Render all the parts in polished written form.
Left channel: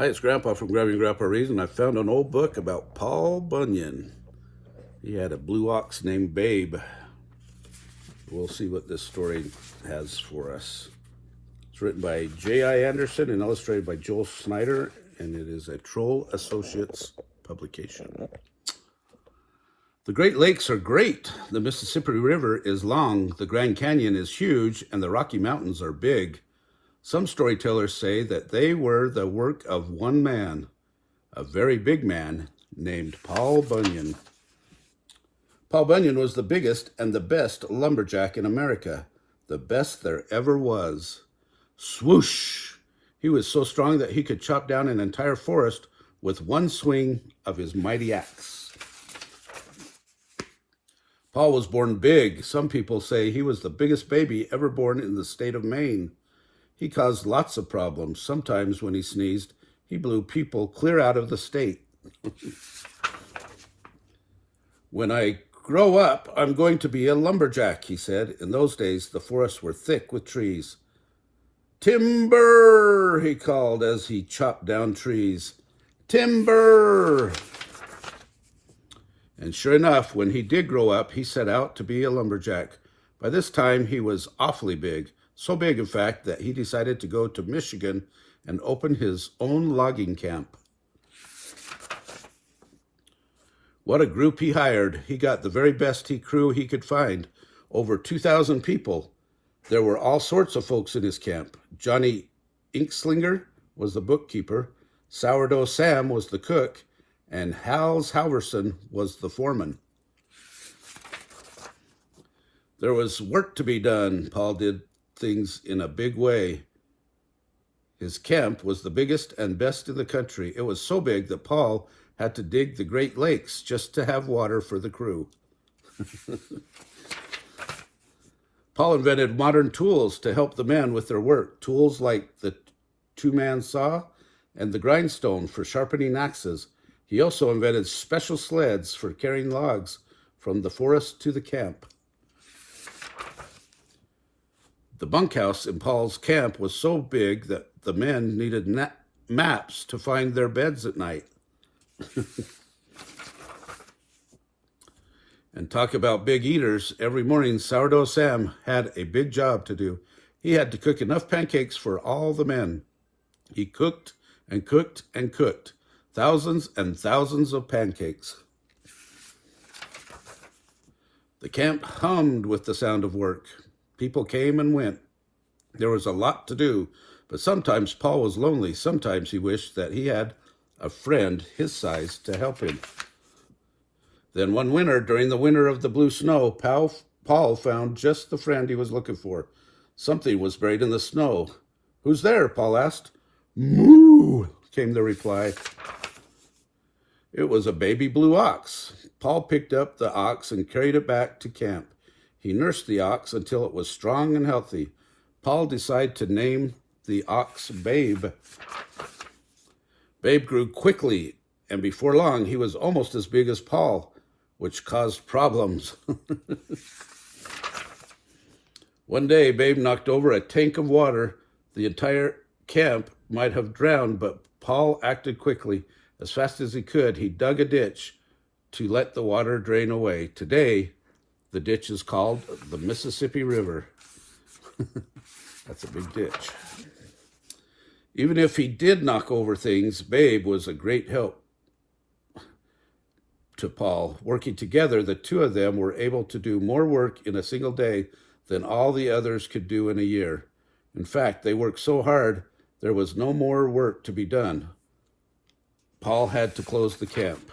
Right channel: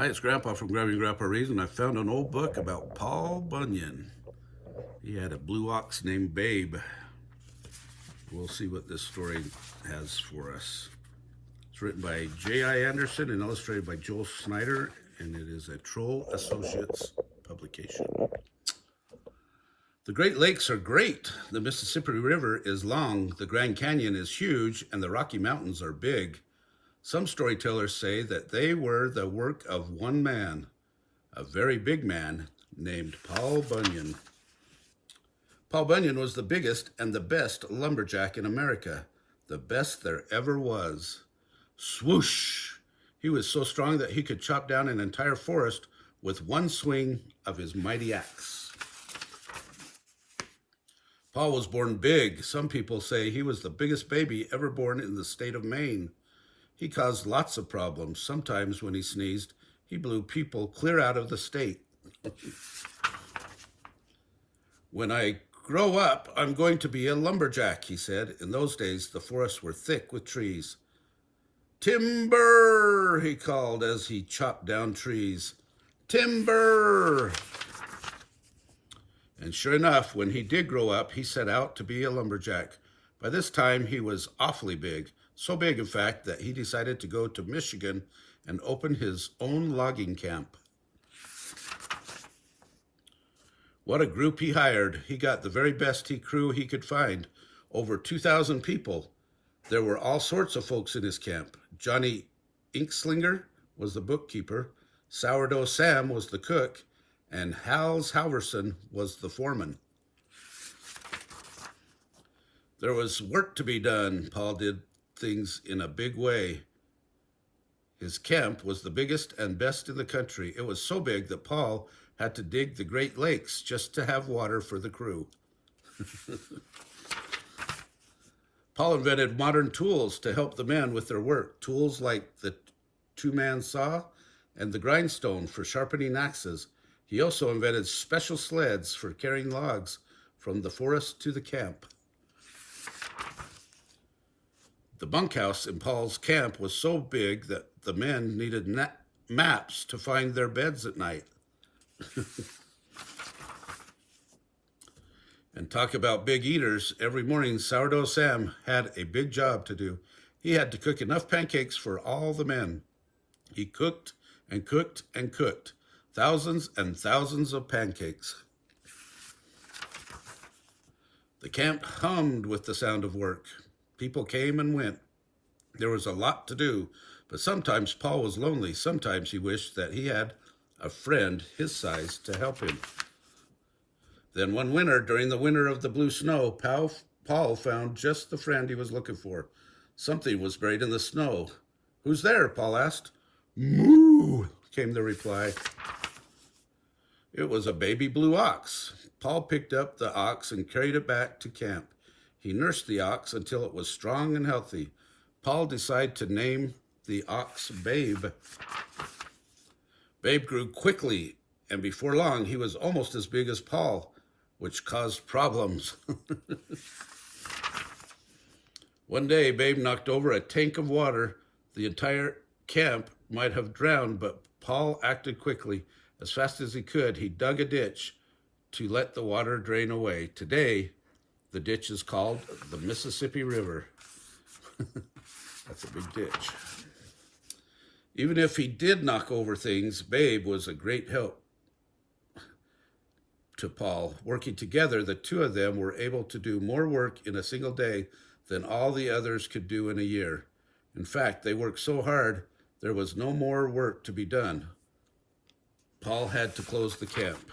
Hi, it's Grandpa from Grammy and Grandpa Reads, and I found an old book about Paul Bunyan. He had a blue ox named Babe. We'll see what this story has for us. It's written by J.I. Anderson and illustrated by Joel Snyder, and it is a Troll Associates publication. The Great Lakes are great. The Mississippi River is long, the Grand Canyon is huge, and the Rocky Mountains are big. Some storytellers say that they were the work of one man, a very big man named Paul Bunyan. Paul Bunyan was the biggest and the best lumberjack in America, the best there ever was. Swoosh! He was so strong that he could chop down an entire forest with one swing of his mighty axe. Paul was born big. Some people say he was the biggest baby ever born in the state of Maine. He caused lots of problems. Sometimes when he sneezed, he blew people clear out of the state. When I grow up, I'm going to be a lumberjack, he said. In those days, the forests were thick with trees. Timber, he called as he chopped down trees. Timber! And sure enough, when he did grow up, he set out to be a lumberjack. By this time, he was awfully big. So big, in fact, that he decided to go to Michigan and open his own logging camp. What a group he hired. He got the very best crew he could find. Over 2,000 people. There were all sorts of folks in his camp. Johnny Inkslinger was the bookkeeper. Sourdough Sam was the cook. And Hals Halverson was the foreman. There was work to be done. Paul did things in a big way. His camp was the biggest and best in the country. It was so big that Paul had to dig the Great Lakes just to have water for the crew. Paul invented modern tools to help the men with their work. Tools like the two-man saw and the grindstone for sharpening axes. He also invented special sleds for carrying logs from the forest to the camp. The bunkhouse in Paul's camp was so big that the men needed maps to find their beds at night. And talk about big eaters. Every morning, Sourdough Sam had a big job to do. He had to cook enough pancakes for all the men. He cooked and cooked and cooked. Thousands and thousands of pancakes. The camp hummed with the sound of work. People came and went. There was a lot to do, but sometimes Paul was lonely. Sometimes he wished that he had a friend his size to help him. Then one winter, during the winter of the blue snow, Paul found just the friend he was looking for. Something was buried in the snow. "Who's there?" Paul asked. "Moo," came the reply. It was a baby blue ox. Paul picked up the ox and carried it back to camp. He nursed the ox until it was strong and healthy. Paul decided to name the ox Babe. Babe grew quickly, and before long, he was almost as big as Paul, which caused problems. One day, Babe knocked over a tank of water. The entire camp might have drowned, but Paul acted quickly. As fast as he could, he dug a ditch to let the water drain away. Today, the ditch is called the Mississippi River. That's a big ditch. Even if he did knock over things, Babe was a great help to Paul. Working together, the two of them were able to do more work in a single day than all the others could do in a year. In fact, they worked so hard, there was no more work to be done. Paul had to close the camp.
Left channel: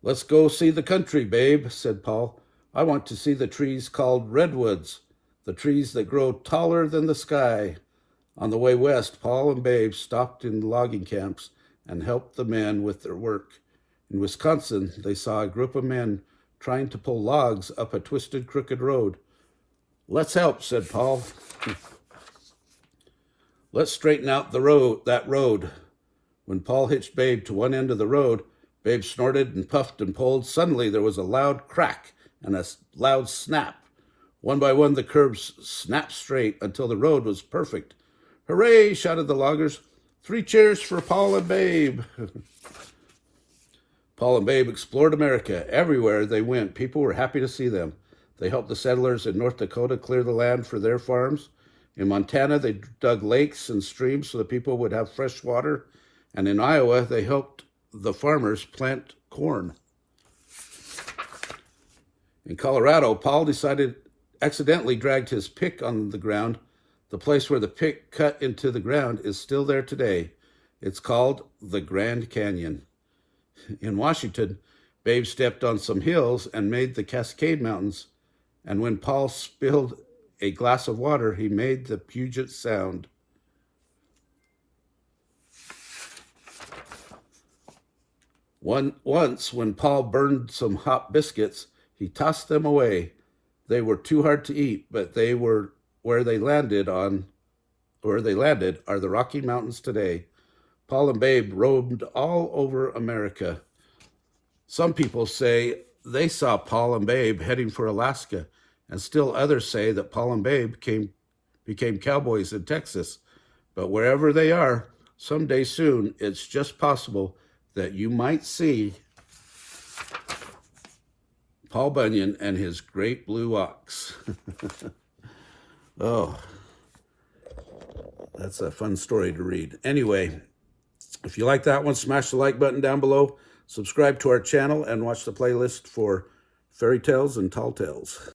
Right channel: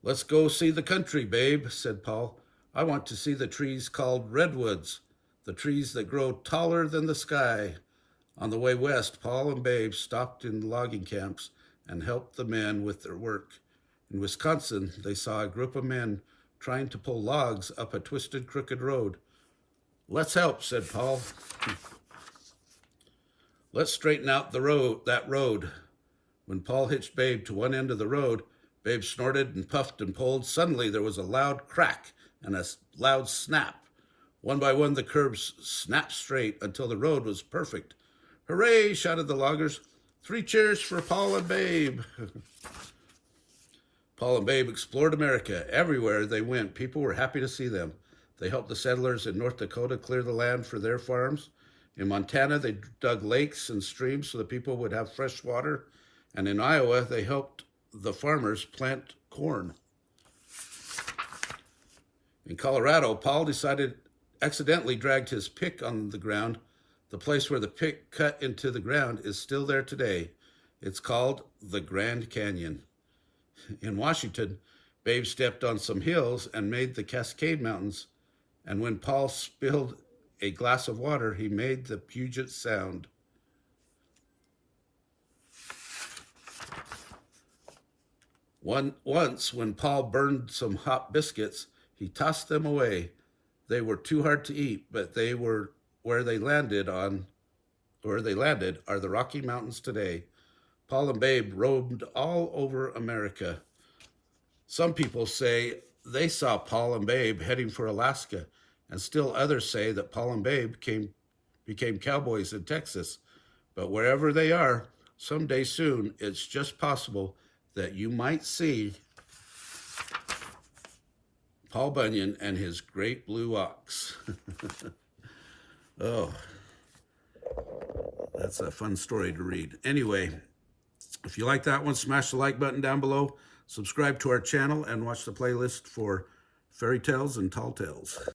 "Let's go see the country, Babe," said Paul. "I want to see the trees called redwoods, the trees that grow taller than the sky." On the way west, Paul and Babe stopped in logging camps and helped the men with their work. In Wisconsin, they saw a group of men trying to pull logs up a twisted, crooked road. "Let's help," said Paul. "Let's straighten out that road." When Paul hitched Babe to one end of the road, Babe snorted and puffed and pulled. Suddenly, there was a loud crack and a loud snap. One by one, the curbs snapped straight until the road was perfect. "Hooray!" shouted the loggers. 3 cheers for Paul and Babe. Paul and Babe explored America. Everywhere they went, people were happy to see them. They helped the settlers in North Dakota clear the land for their farms. In Montana, they dug lakes and streams so the people would have fresh water. And in Iowa, they helped the farmers plant corn. In Colorado, Paul accidentally dragged his pick on the ground. The place where the pick cut into the ground is still there today. It's called the Grand Canyon. In Washington, Babe stepped on some hills and made the Cascade Mountains. And when Paul spilled a glass of water, he made the Puget Sound. Once, when Paul burned some hot biscuits, he tossed them away. They were too hard to eat, but they were where they landed are the Rocky Mountains today. Paul and Babe roamed all over America. Some people say they saw Paul and Babe heading for Alaska, and still others say that Paul and Babe became cowboys in Texas. But wherever they are, someday soon, it's just possible that you might see Paul Bunyan and his great blue ox. Oh, that's a fun story to read. Anyway, if you like that one, smash the like button down below, subscribe to our channel, and watch the playlist for fairy tales and tall tales.